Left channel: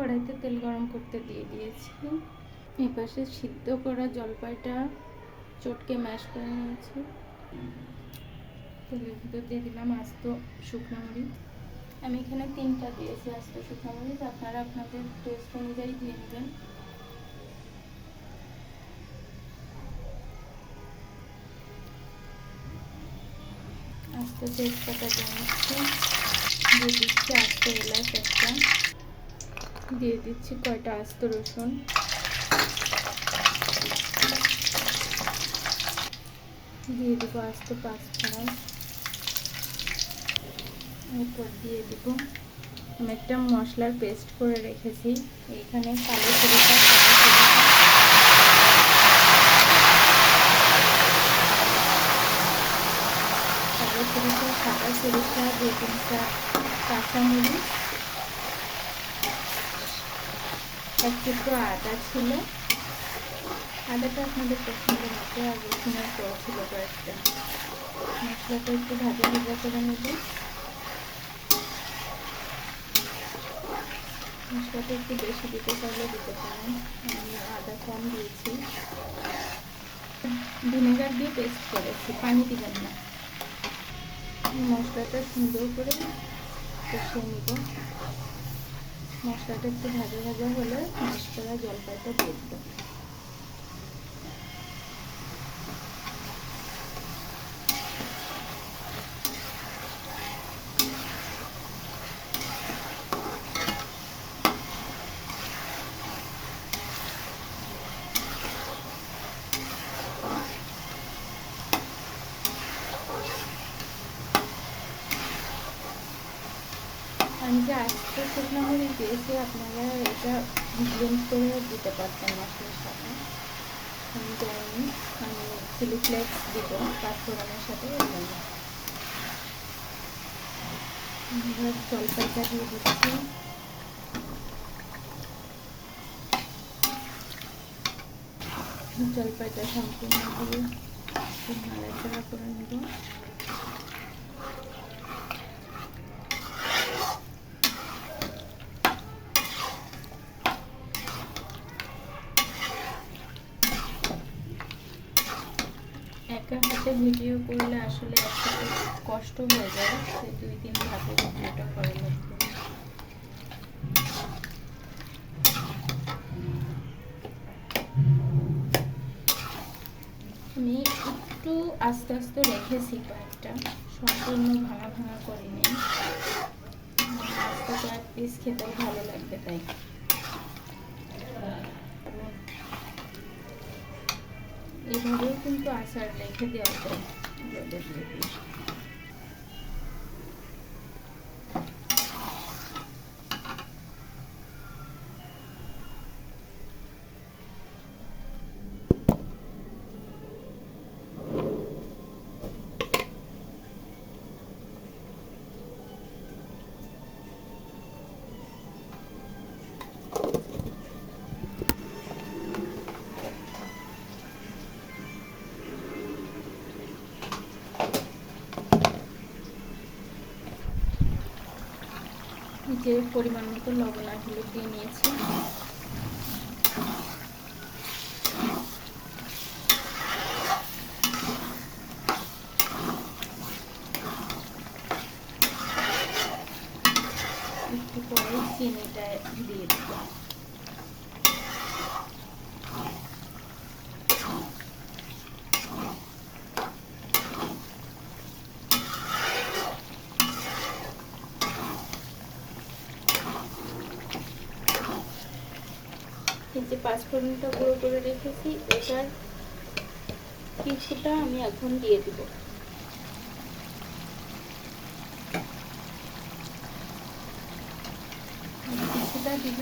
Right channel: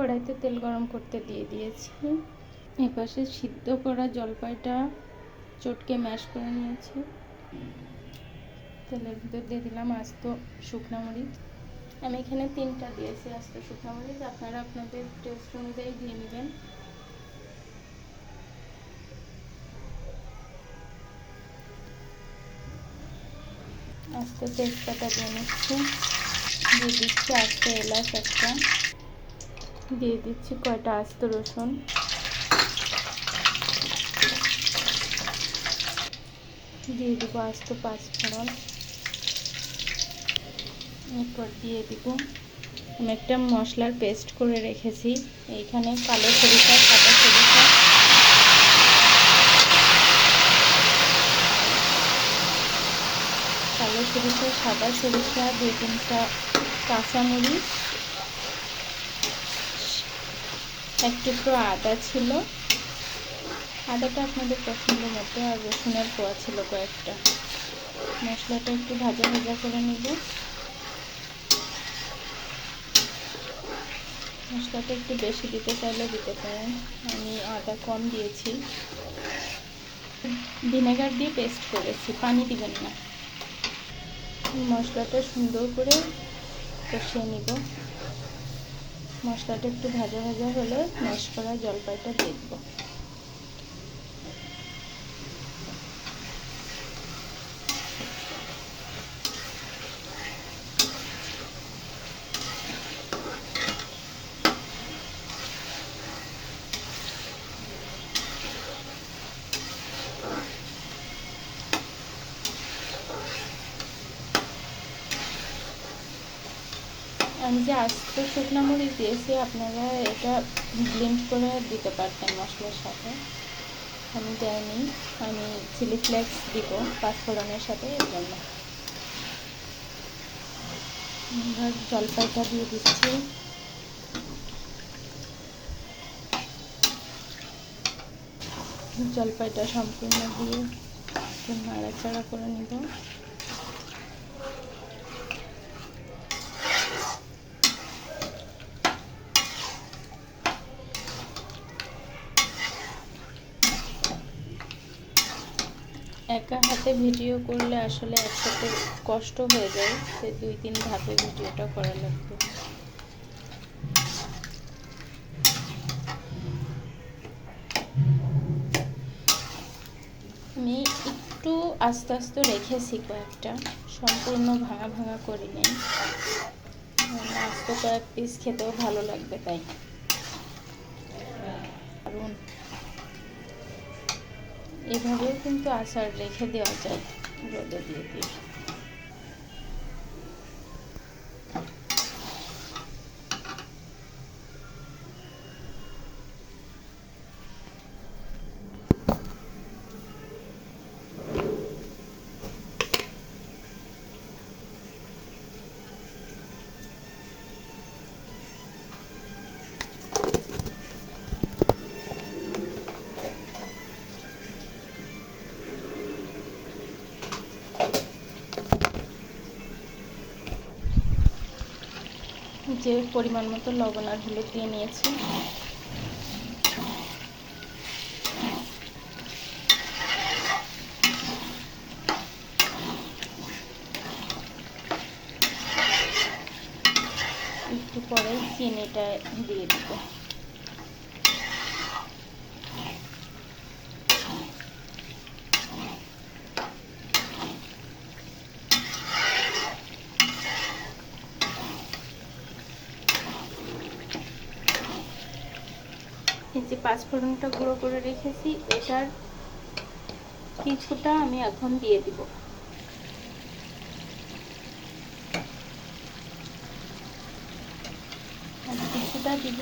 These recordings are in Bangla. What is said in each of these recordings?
কড়াইতে তেল গরম করতে দিয়ে দিয়েছি। এই পাশে সিদ্ধ করা জলপাইটা চটকে ম্যাশ করে নিয়েছি। তেলের ভিতর দিয়ে দিলাম আস্ত শুকনো মরিচ। আমি এখানে 3টা দিয়েছি আস্ত শুকনো মরিচ, আপনারা আপনাদের টেস্ট অনুযায়ী দিয়ে নেবেন। আস্ত তেজপাতা দিয়ে নিচ্ছি, দিয়ে দিচ্ছি আস্ত এলাচ একটা, দিয়ে দিচ্ছি কয়টা আস্ত রসুন, দিয়ে দিব আস্ত 5 ফোড়ন। এরপর দিয়ে দিব আমি একটা মশলার পেস্ট করে রেখেছি, এইখানে কালো সরিষা, সাদা সরিষা, কালো সরিষা, সাদা সরিষা, 2-3টা কাঁচামরিচ, এক টুকরো আদা ছিল, আদাটা আপনাদের পছন্দ মতো, আর রসুনের কোয়া ছিল কয়েকটা। মশলাটা একটু ভাজা ভাজা করে নেব। মশলাটা একটু বেশি দিতে চাইলে দিতে পারেন, আমি আদা কম দিয়েছি। ভিনেগার দিয়ে পেস্ট করেছি, পানি দিবেন না। মশলাটা সুন্দর করে কষিয়ে নিব। মশলাটা একটু ভাজা ভাজা হলে ম্যাশ করা জলপাইটা দিয়ে দেবো। আমি যে আস্ত শুকনো মরিচ দিয়েছি, আপনারা এটা ব্লেন্ড করে দিতে পারতেন মশলার সাথে, আমি দেয়নি। আমি চিলি ফ্লেক্স দিব 5 ফোড়নের সাথে, এর জন্য। এবার জলপাইটা দিয়ে দিচ্ছি। জলপাইটা সম্পূর্ণ দিয়ে নাড়াচাড়া করে নেব। একা হাতে ভিডিও করলে আসলে একসাথে কষ্ট হয়ে যায়, সে 2-3 ধাপে ভিডিওটা করা লাগবে। আমি একটু আস্তে আস্তে রেখেছি কয়েকটা, সম্পূর্ণ ভাঙা ভাঙা করি নেই, আস্তে কয়েক পিস খেতেও ভালো লাগবে তাই। কারণ এভাবেও কিন্তু আচার রেখে দেওয়া যায়, রোদে দিয়ে দিয়ে। যে পরিমাণ মতো লবণ আর হলুদ দিয়ে নিয়েছি। একটু পরে চিনিটা দিয়ে দেব। এই যে 5 ফোড়নটা গুঁড়ো করে রেখেছি, এটার কিছুটা আমি এখন দিয়ে দিব। কিছুটা দিব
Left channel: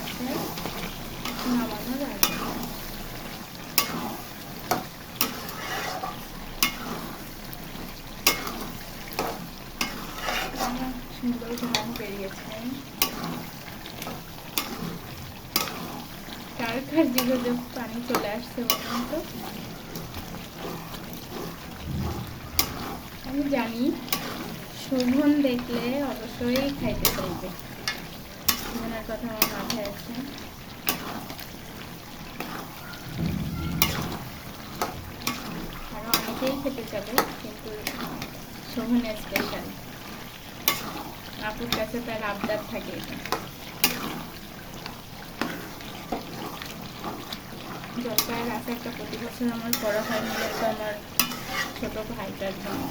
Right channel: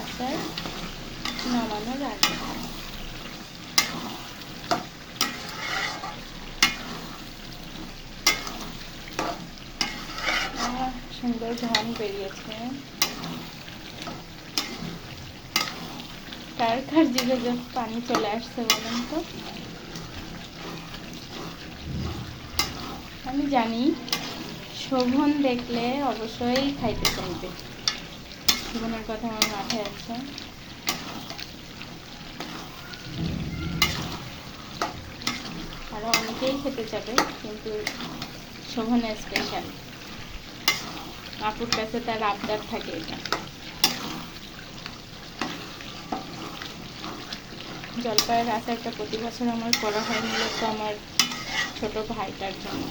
আচার নামানোর আগে। সুন্দর ঘ্রাণ বেরিয়েছে। কার কার জিভে যে পানি চলে আসছে বলুন তো। আমি জানি শোভন দেখলে অবশ্যই খাইতে চাইবে। জীবনের কথা আমার মাথায় আছে। আরও অনেকেই খেতে যাবে, কিন্তু শোভনা স্পেশাল। আপুর কাছে তার আবদার থাকে এটা। জলপাইয়ের আচারটা প্রতি বছর আমার করা হয় মূলত আমার ছোট ভাইটার জন্য।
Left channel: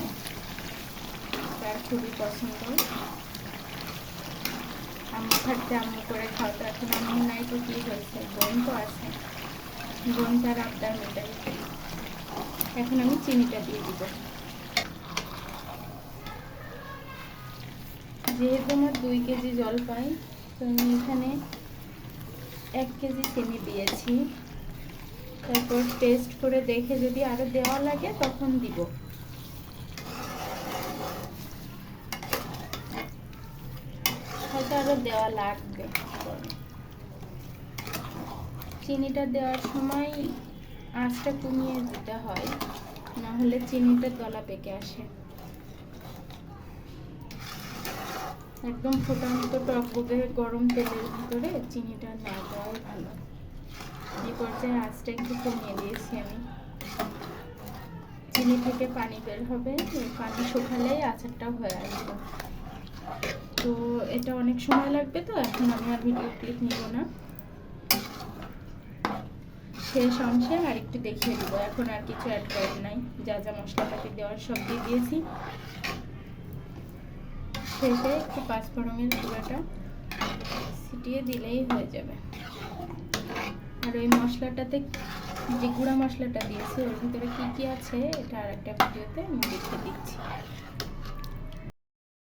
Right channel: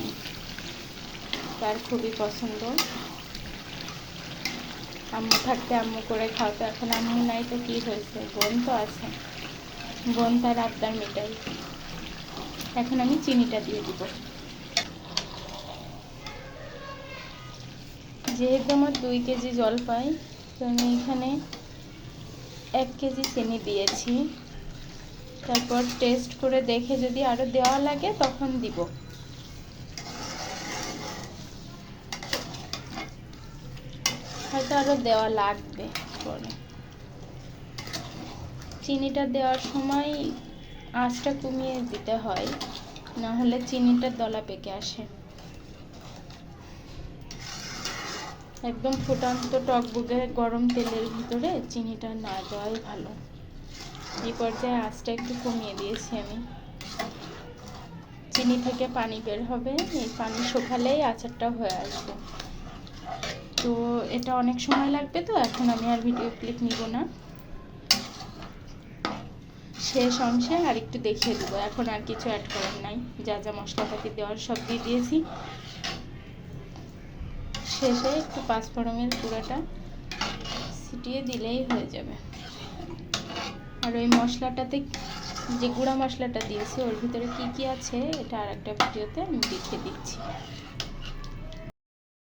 তার খুবই পছন্দ। আম্মু থাকতে আম্মু করে খাওয়াতো, এখন আম্মু নাই তো কী হয়েছে, বোন তো আছে, বোন তার আবদার মেটাবে। এখন আমি চিনিটা দিয়ে দিব। যেহেতু আমার 2 কেজি জলপাই, তো আমি এখানে 1 কেজি চিনি দিয়েছি। তারপর টেস্ট করে দেখে যদি আরও দেওয়া লাগে তখন দিব। হয়তো আরও দেওয়া লাগবে। চিনিটা দেওয়ার সময় আঁচটা কমিয়ে দিতে হয়, না হলে চিনিটা দলা পেকে আসে। একদম ফুটন্ত টকবগে গরম তেলের ভিতরে চিনিটা না দেওয়াই ভালো। এই পর্যায়ে আঁচটা একটু কমিয়ে দিয়েছি আমি। চিনি থেকে পানি বের হবে, এই পানি শুকালেই আচারটা হয়ে আসবে। তো এটা অনেক সময় লাগবে, তো এখন আমি আর ভিডিও ক্লিপ নিব না। শেষ অংশে আর একটু দেখিয়ে দেবো। এখন আর কিছু অ্যাড করার নাই, যা যা মশলাপাতি দেওয়ার সব দিয়ে দিয়েছি। শেষে একটু পাঁচফোড়নের গুঁড়োটা ছিটিয়ে দিলেই হয়ে যাবে। আর ওই মশলাটাতে যে গুঁড়া মশলাটা দিয়েছি ওর ভিতরে কী কী আছে এটা আর একটা ভিডিওতে আমি দেখিয়ে দিচ্ছি।